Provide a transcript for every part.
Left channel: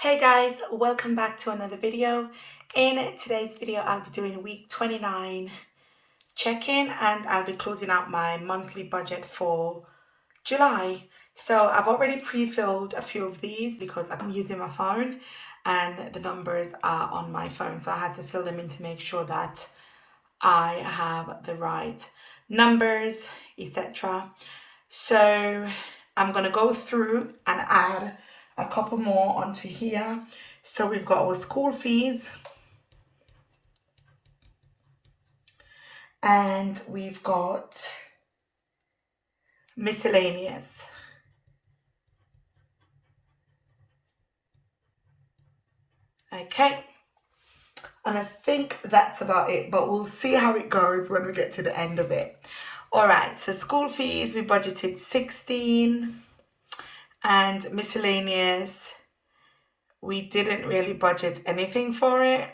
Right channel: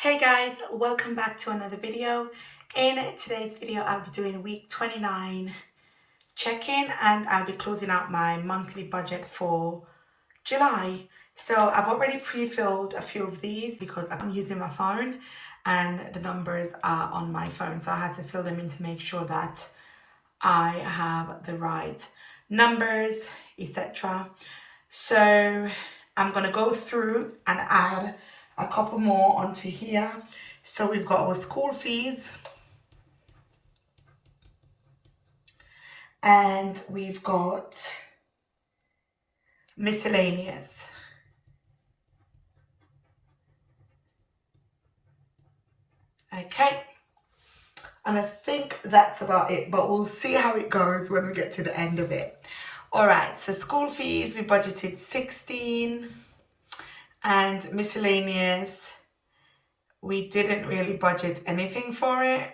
Hey guys, welcome back to another video. In today's video, I'll be doing week 29 check-in and I'll be closing out my monthly budget for July. So I've already pre-filled a few of these because I'm using my phone and the numbers are on my phone. So I had to fill them in to make sure that I have the right numbers, etc. So I'm going to go through and add a couple more onto here. So we've got our school fees and we've got miscellaneous. Okay. And I think that's about it, but we'll see how it goes when we get to the end of it. All right, so school fees, we budgeted 16 and miscellaneous, we didn't really budget anything for it.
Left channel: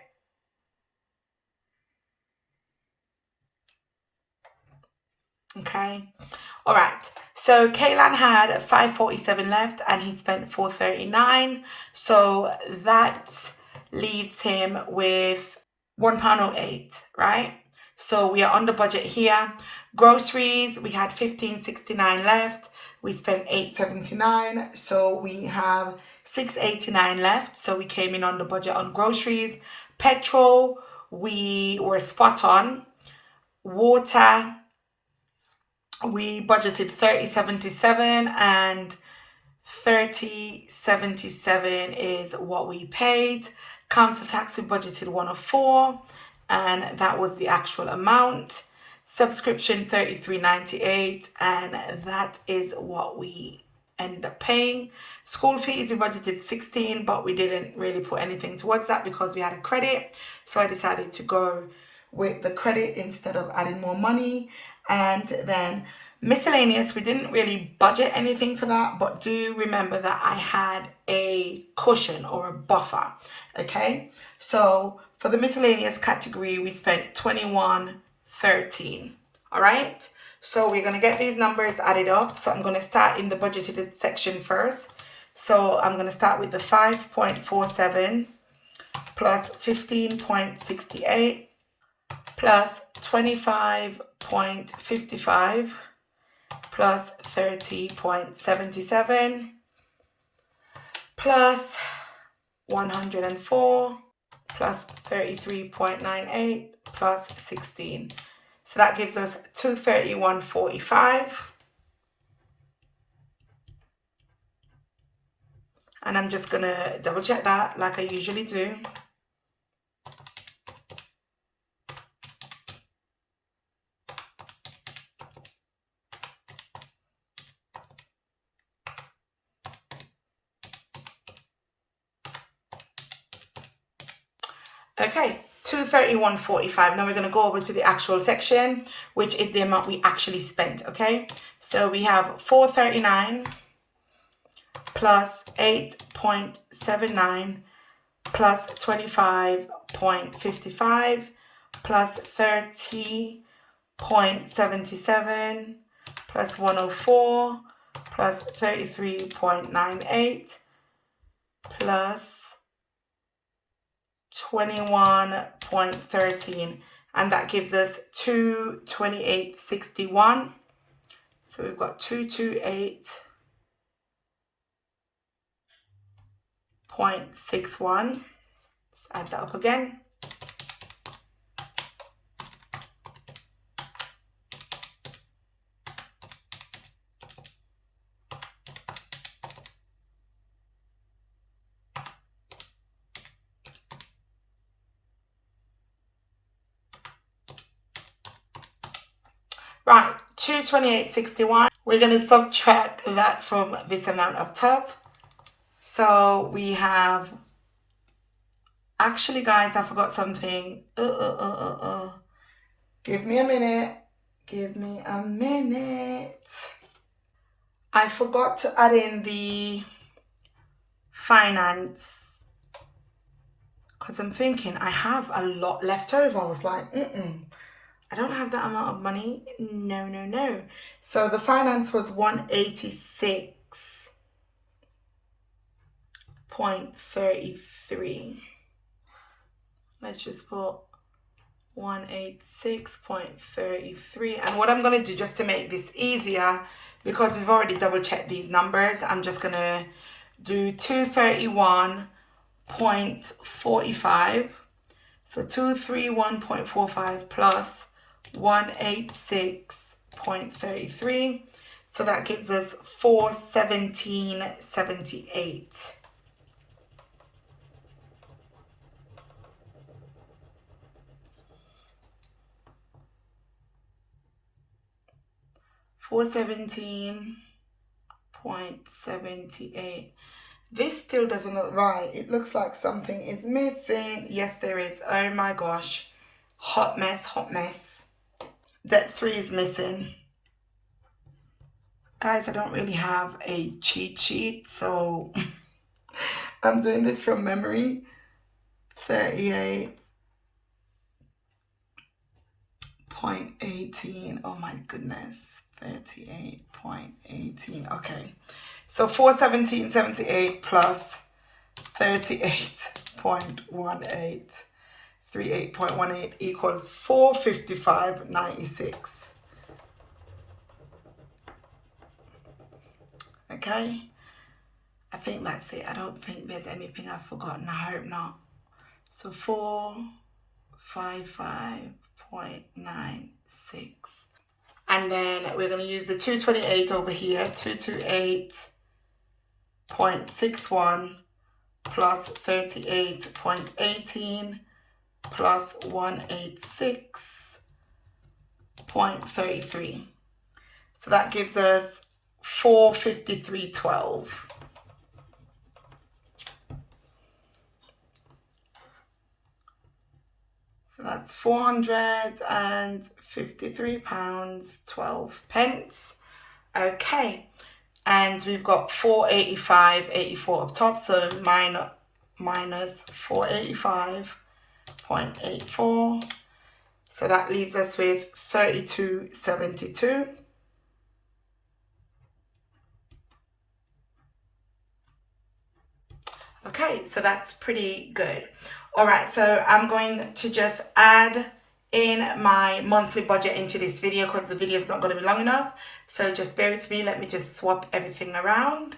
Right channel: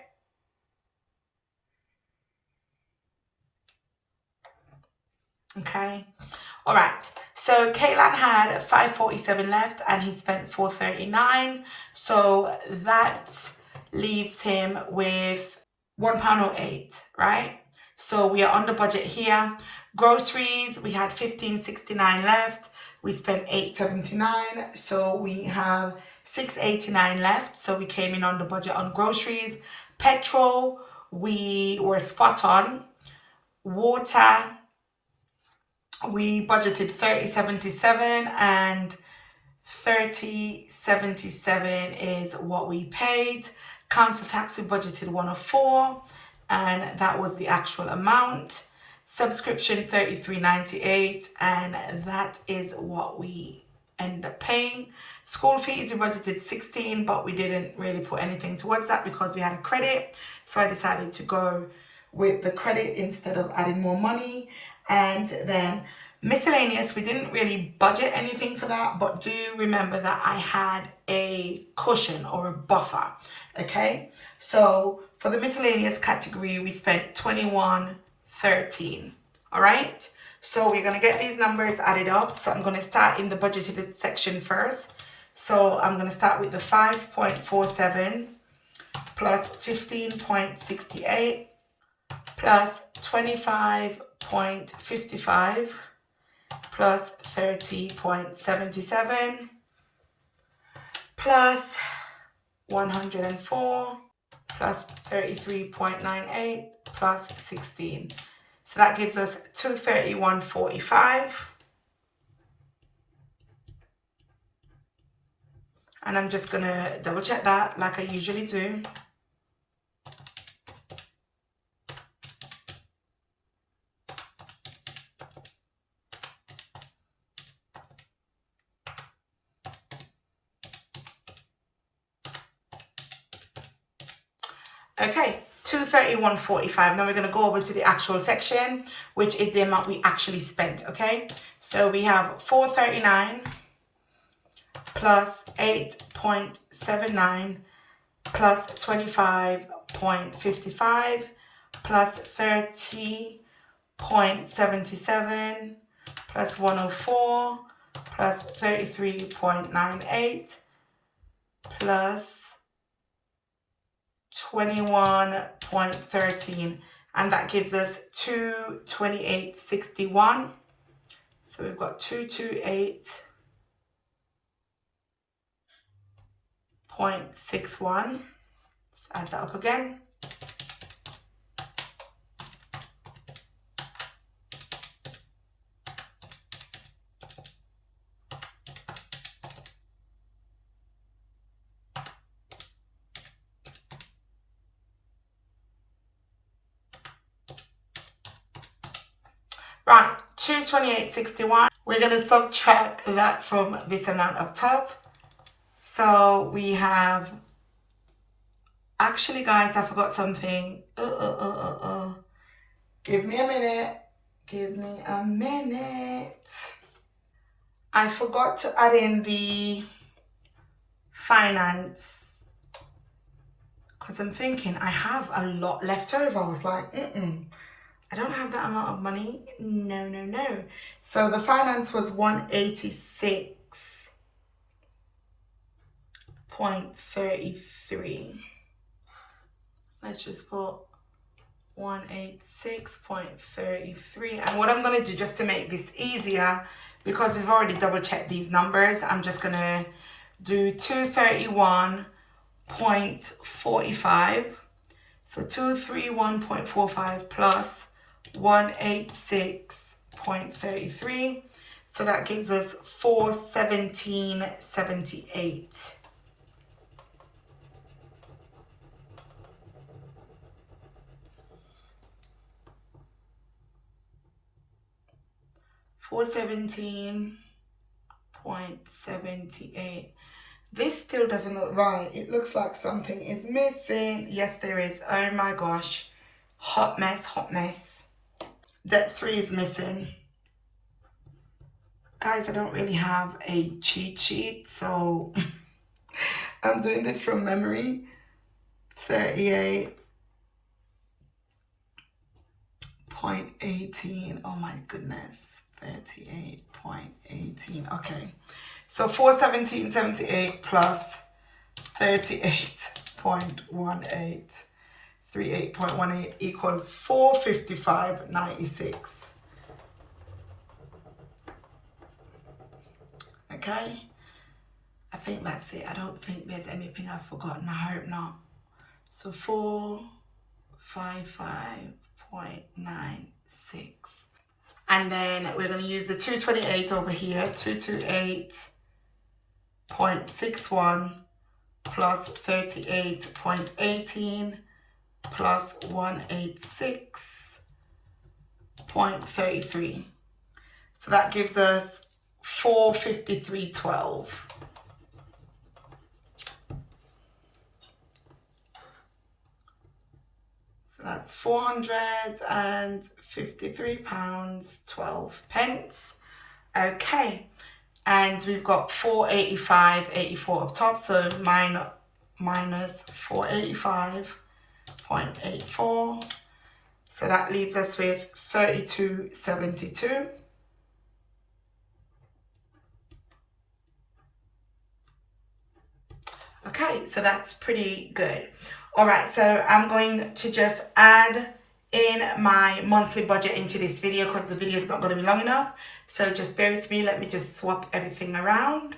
Okay. All right. So Kaylan had 547 left and he spent 439. So that leaves him with £1.08, right? So we are under budget here. Groceries, we had 1569 left. We spent 879. So we have 689 left. So we came in under budget on groceries. Petrol, we were spot on. Water, we budgeted 3077 and 3077 is what we paid. Council tax, we budgeted 104 and that was the actual amount. Subscription 33.98 and that is what we end up paying. School fees, we budgeted 16 but we didn't really put anything towards that because we had a credit, so I decided to go with the credit instead of adding more money. And then miscellaneous, we didn't really budget anything for that, but do remember that I had a cushion or a buffer. Okay, so for the miscellaneous category, we spent 21.13. All right, so we're going to get these numbers added up. So I'm going to start in the budgeted section first. So I'm going to start with the 5.47 plus 15.68 plus 25.55 plus 30.77 plus 104 plus 33.98 plus 16. So that gives us 231.45. And I'm just going to double check that like I usually do. Okay, 231.45. Now we're going to go over to the actual section, which is the amount we actually spent. Okay, so we have 439 plus 8.79 plus 25.55 plus 30.77 plus 104 plus 33.98 plus 21.13, and that gives us 228.61. So we've got 228.61. Let's add that up again. Right, 228.61. We're going to subtract that from this amount up top. So we have, actually guys, I forgot something. Give me a minute. Give me a minute. I forgot to add in the finance. Because I'm thinking I have a lot left over. I was like, I don't have that amount of money. No. So the finance was 186. 186.33. Let's just put 186.33. And what I'm going to do, just to make this easier, because we've already double checked these numbers, I'm just going to do 231.45. So 231.45 plus 186.33. So that gives us 417.78. $417.78. This still doesn't look right. It looks like something is missing. Yes, there is. Oh my gosh. Hot mess, hot mess. Debt 3 is missing. Guys, I don't really have a cheat sheet, so I'm doing this from memory. 38.18. Oh my goodness. 38.18. Okay. So 417.78 plus 38.18. 38.18 equals 455.96. Okay, I think that's it. I don't think there's anything I've forgotten. I hope not. So 455.96. And then we're going to use the 228 over here. 228.61 plus 38.18 plus 186.33. So that gives us 453.12. So that's £453.12. Okay, and we've got 485.84 up top, so minus 485.84. So that leaves us with 32.72. Okay, so that's pretty good. All right, so I'm going to just add in my monthly budget into this video because the video is not going to be long enough. So just bear with me. Let me just swap everything around.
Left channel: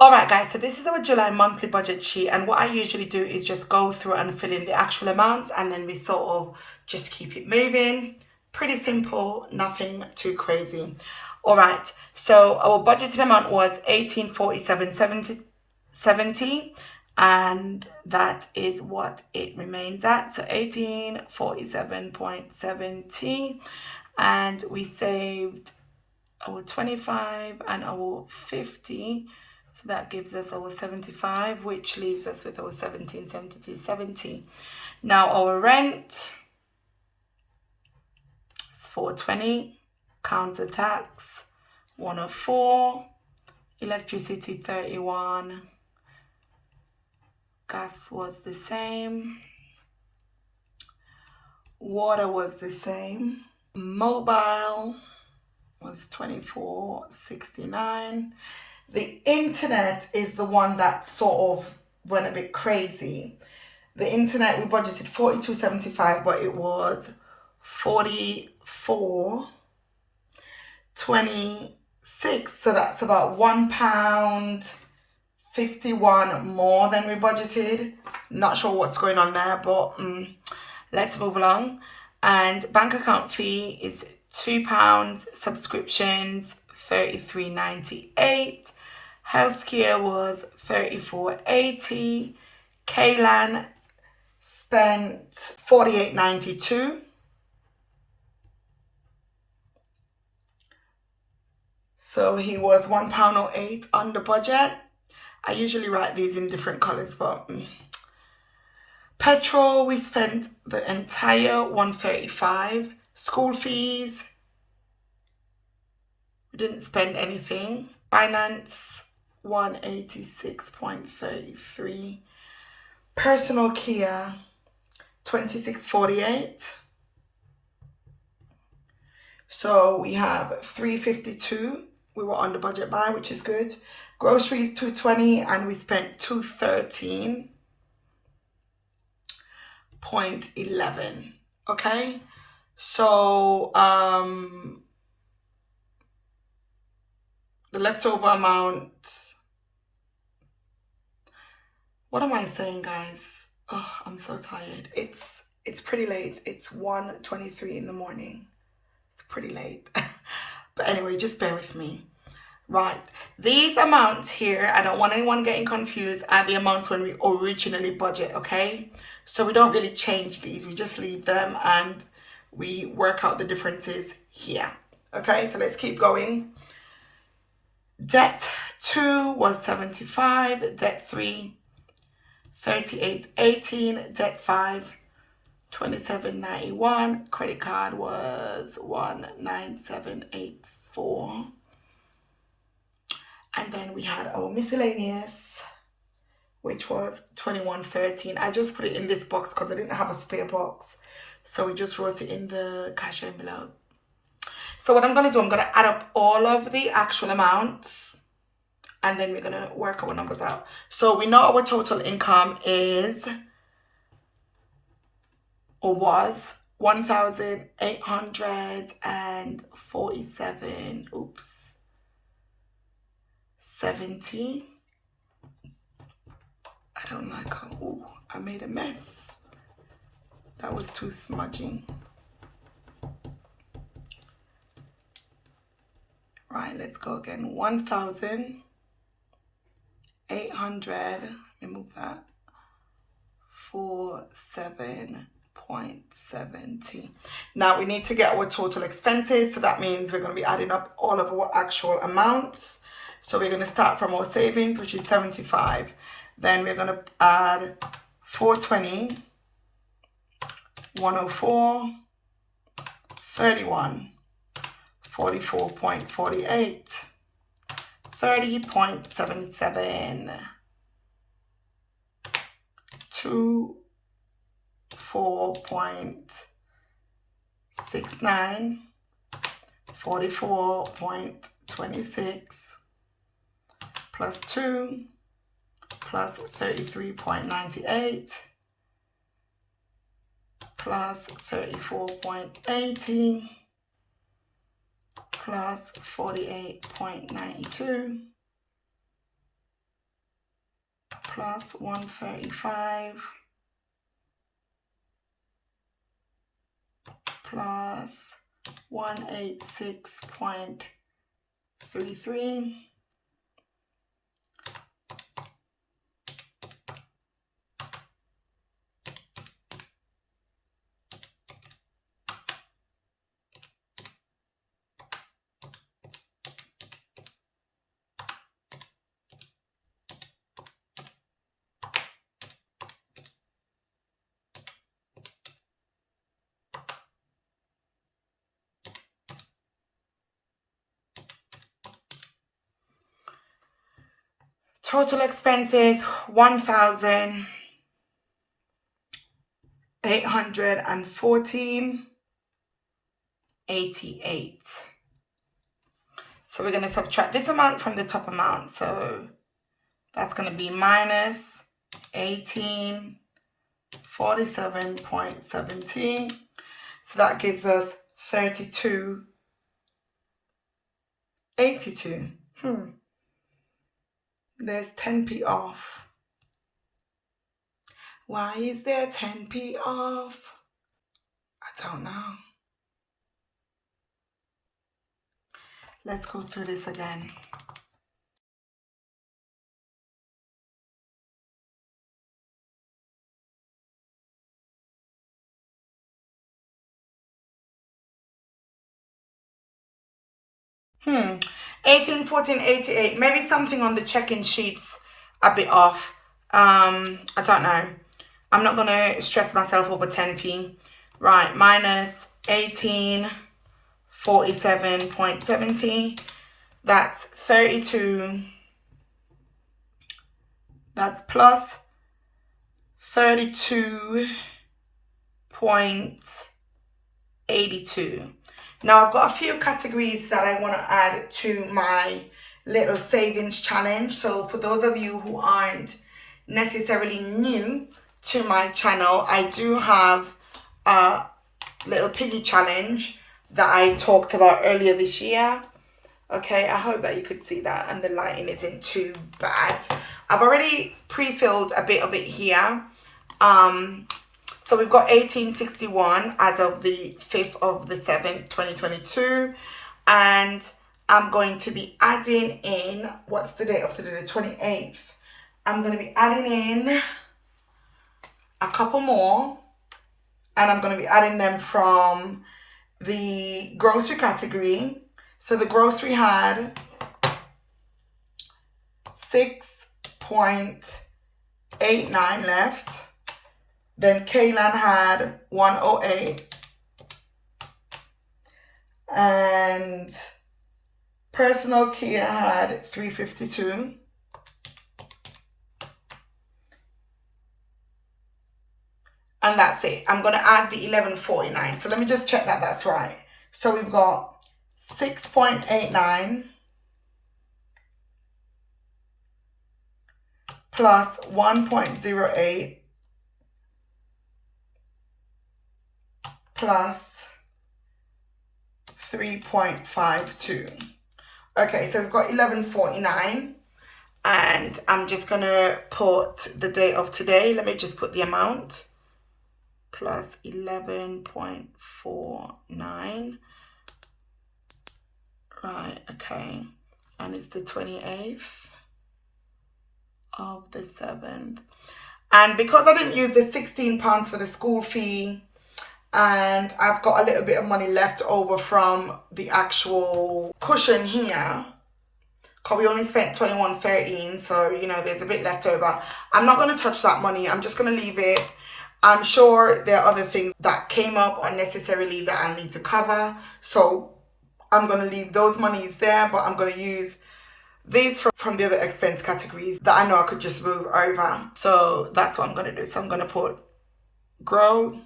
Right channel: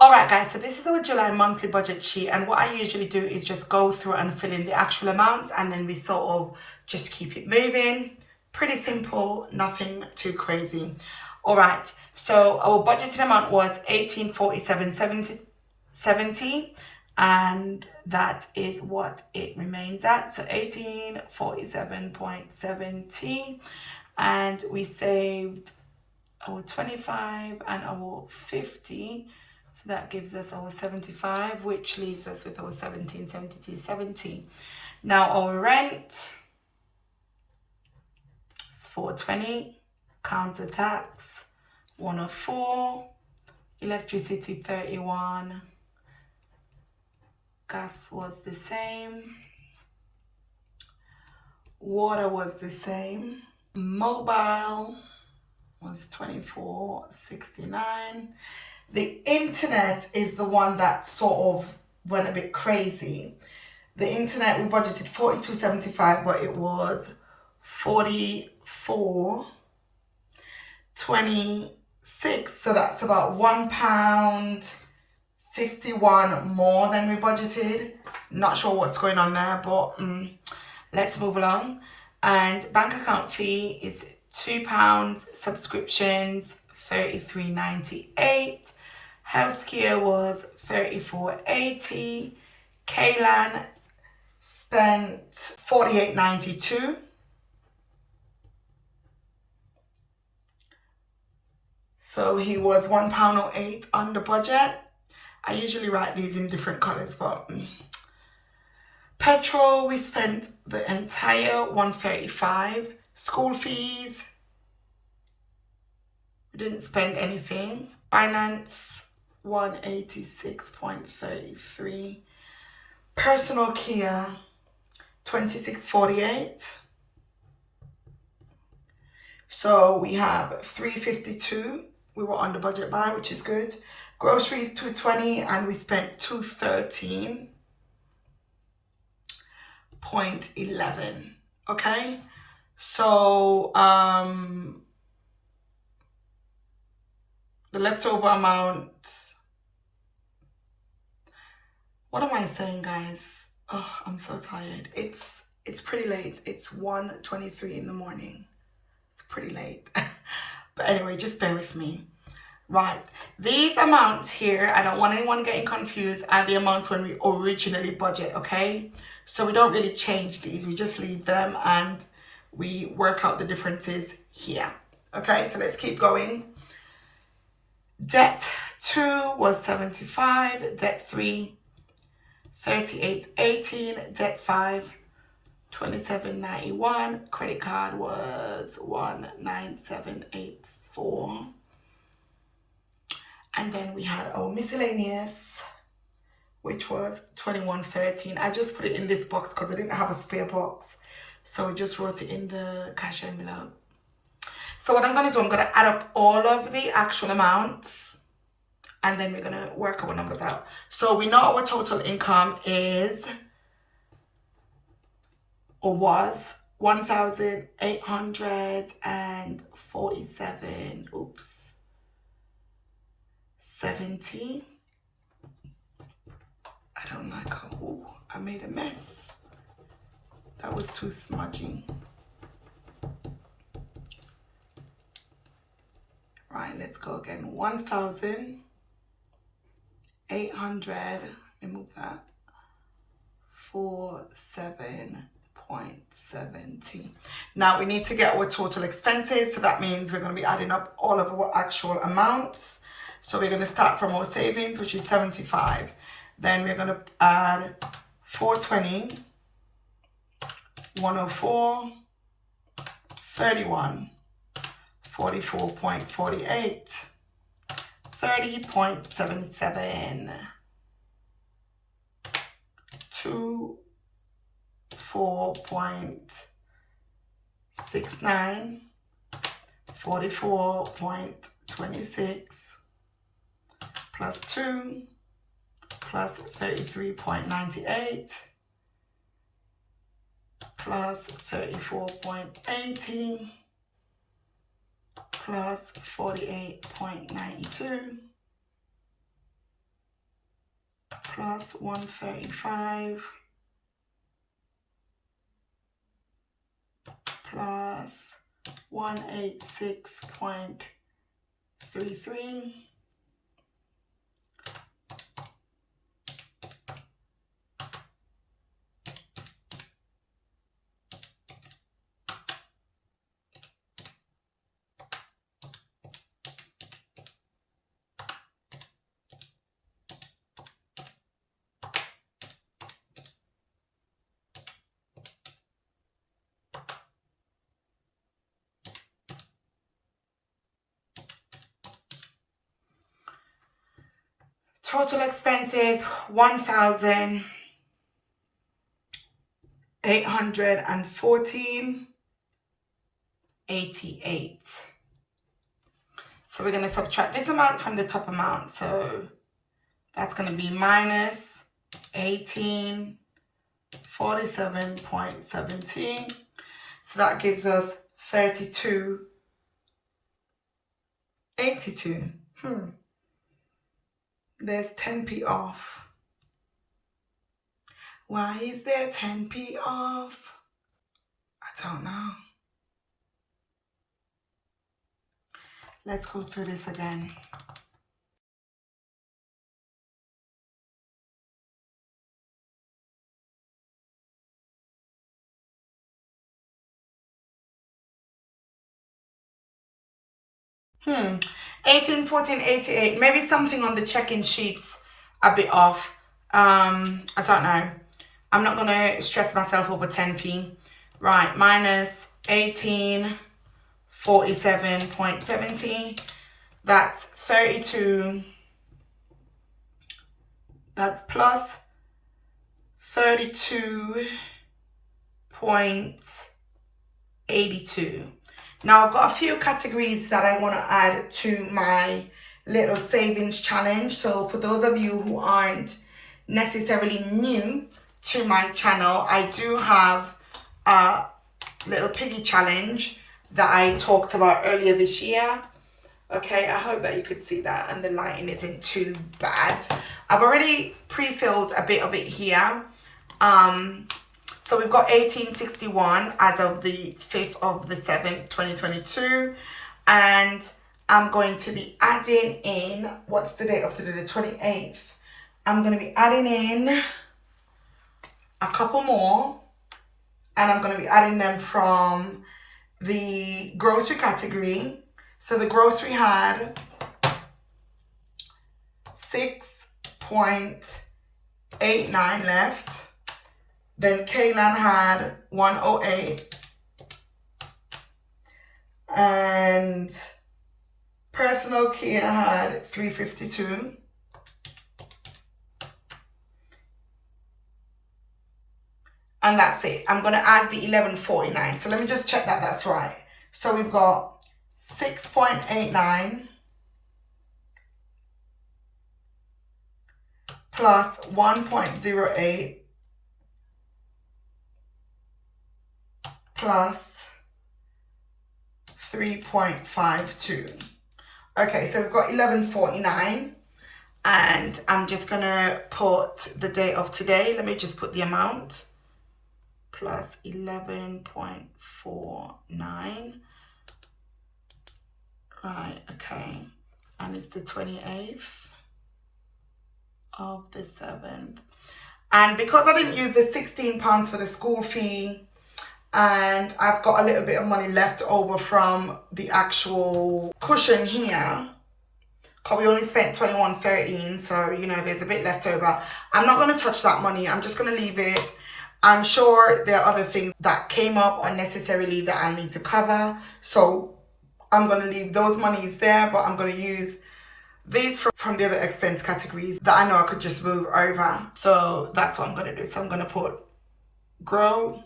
All right, guys, so this is our July monthly budget sheet. And what I usually do is just go through and fill in the actual amounts, and then we sort of just keep it moving. Pretty simple, nothing too crazy. All right, so our budgeted amount was $1847.70, and that is what it remains at. So $1847.70, and we saved our 25 and our 50. So that gives us our 75, which leaves us with our 1772.70. Now our rent is 420, council tax 104, electricity 31, gas was the same, water was the same, mobile was 24.69. The internet is the one that sort of went a bit crazy. The internet, we budgeted $42.75, but it was $44.26. So that's about £1.51 more than we budgeted. Not sure what's going on there, but let's move along. And bank account fee is £2. Subscriptions $33.98. Healthcare was $34.80. Kaylan spent $48.92. So he was £1.08 under budget. I usually write these in different colors, but petrol, we spent the entire $135. School fees, we didn't spend anything. Finance, $186.33. Personal care, $26.48. So we have $352 we were under budget by, which is good. Groceries 220 and we spent 213.11. Okay, so the leftover amount, what am I saying, guys? Oh, I'm so tired. It's pretty late. It's 1:23 in the morning. It's pretty late. But anyway, just bear with me. Right, these amounts here, I don't want anyone getting confused, are the amounts when we originally budget, okay? So we don't really change these, we just leave them and we work out the differences here. Okay, so let's keep going. Debt 2 was 75, debt 3, 38.18, debt 5, 27.91, credit card was 19784. And then we had our miscellaneous, which was 21.13. I just put it in this box because I didn't have a spare box. So we just wrote it in the cash envelope. So what I'm going to do, I'm going to add up all of the actual amounts. And then we're going to work our numbers out. So we know our total income is, or was, 1,847. Oops. 70. I don't like how, ooh, I made a mess. That was too smudging. Right, let's go again. 1,800, let me move that, 47.70. Now we need to get our total expenses. So that means we're going to be adding up all of our actual amounts. So we're going to start from our savings, which is 75. Then we're going to add 420, 104, 31, 44.48, 30.77, 24.69, 44.26, plus 2, plus 33.98, plus 34.80, plus 48.92, plus 135, plus 186.33, total expenses 1,814.88. So we're going to subtract this amount from the top amount. So that's going to be minus 1847.17. So that gives us 32.82. There's 10p off. Why is there 10p off? I don't know. Let's go through this again. Hmm. 1814.88. Maybe something on the check-in sheets a bit off. I don't know. I'm not gonna stress myself over 10p. Right, minus 1847.70. That's 32. That's plus 32.82. Now I've got a few categories that I want to add to my little savings challenge. So for those of you who aren't necessarily new to my channel, I do have a little piggy challenge that I talked about earlier this year. Okay, I hope that you could see that and the lighting isn't too bad. I've already pre-filled a bit of it here. So we've got 1861 as of the 5th of the 7th, 2022. And I'm going to be adding in, what's the date of today? The 28th. I'm going to be adding in a couple more. And I'm going to be adding them from the grocery category. So the grocery had 6.89 left. Then Kaylan had 108. And personal care had 352. And that's it. I'm going to add the 1149. So let me just check that that's right. So we've got 6.89 plus 1.08 plus 3.52. Okay, so we've got 1149, and I'm just gonna put the date of today. Let me just put the amount plus 11.49. Right, okay, and it's the 28th of the 7th. And because I didn't use the £16 for the school fee, and I've got a little bit of money left over from the actual cushion here, because we only spent $21.13, so you know there's a bit left over. I'm not going to touch that money. I'm just going to leave it. I'm sure there are other things that came up unnecessarily that I need to cover, so I'm going to leave those monies there, but I'm going to use these from the other expense categories that I know I could just move over. So that's what I'm going to do. So I'm going to put grow,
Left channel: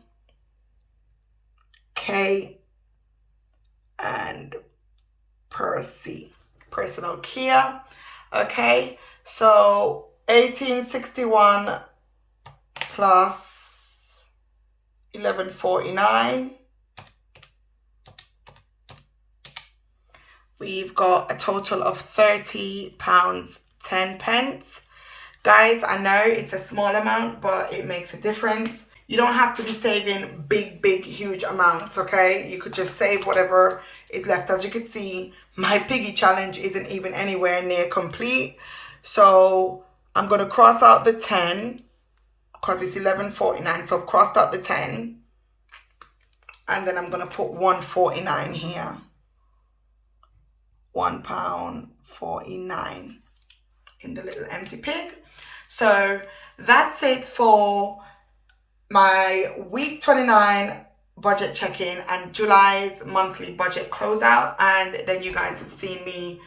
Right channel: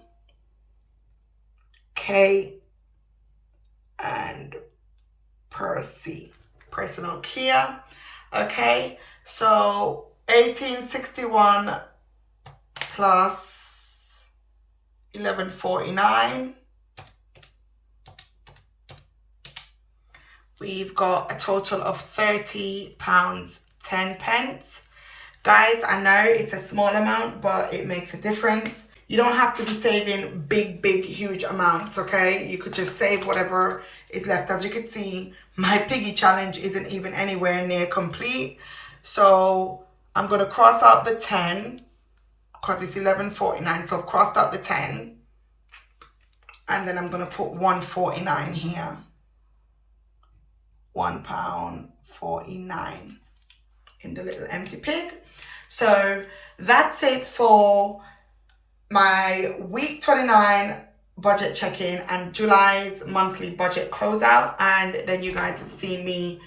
K, and Percy, personal care. Okay, so 1861 plus 1149. We've got a total of £30.10. Guys, I know it's a small amount, but it makes a difference. You don't have to be saving big, huge amounts, okay? You could just save whatever is left. As you can see, my piggy challenge isn't even anywhere near complete. So I'm going to cross out the 10 because it's 11.49. So I've crossed out the 10. And then I'm going to put 1.49 here. £1.49 in the little empty pig. So that's it for my week 29 budget check-in and July's monthly budget closeout. And then you guys have seen me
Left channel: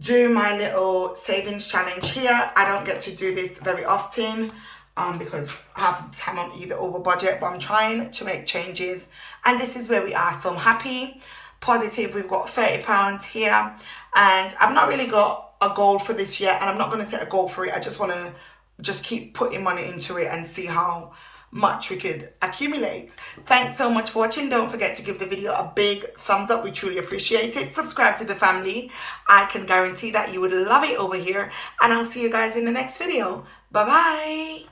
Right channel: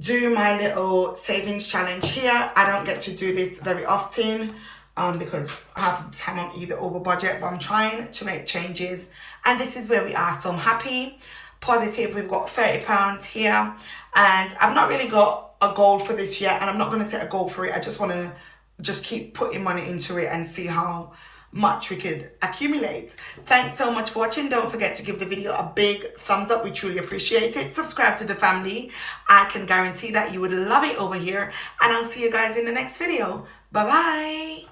do my little savings challenge here. I don't get to do this very often because half of the time I'm either over budget, but I'm trying to make changes, and this is where we are. So I'm happy, positive. We've got £30 here, and I've not really got a goal for this yet, and I'm not going to set a goal for it. I just want to just keep putting money into it and see how much we could accumulate. Thanks so much for watching. Don't forget to give the video a big thumbs up. We truly appreciate it. Subscribe to the family. I can guarantee that you would love it over here, and I'll see you guys in the next video. Bye bye.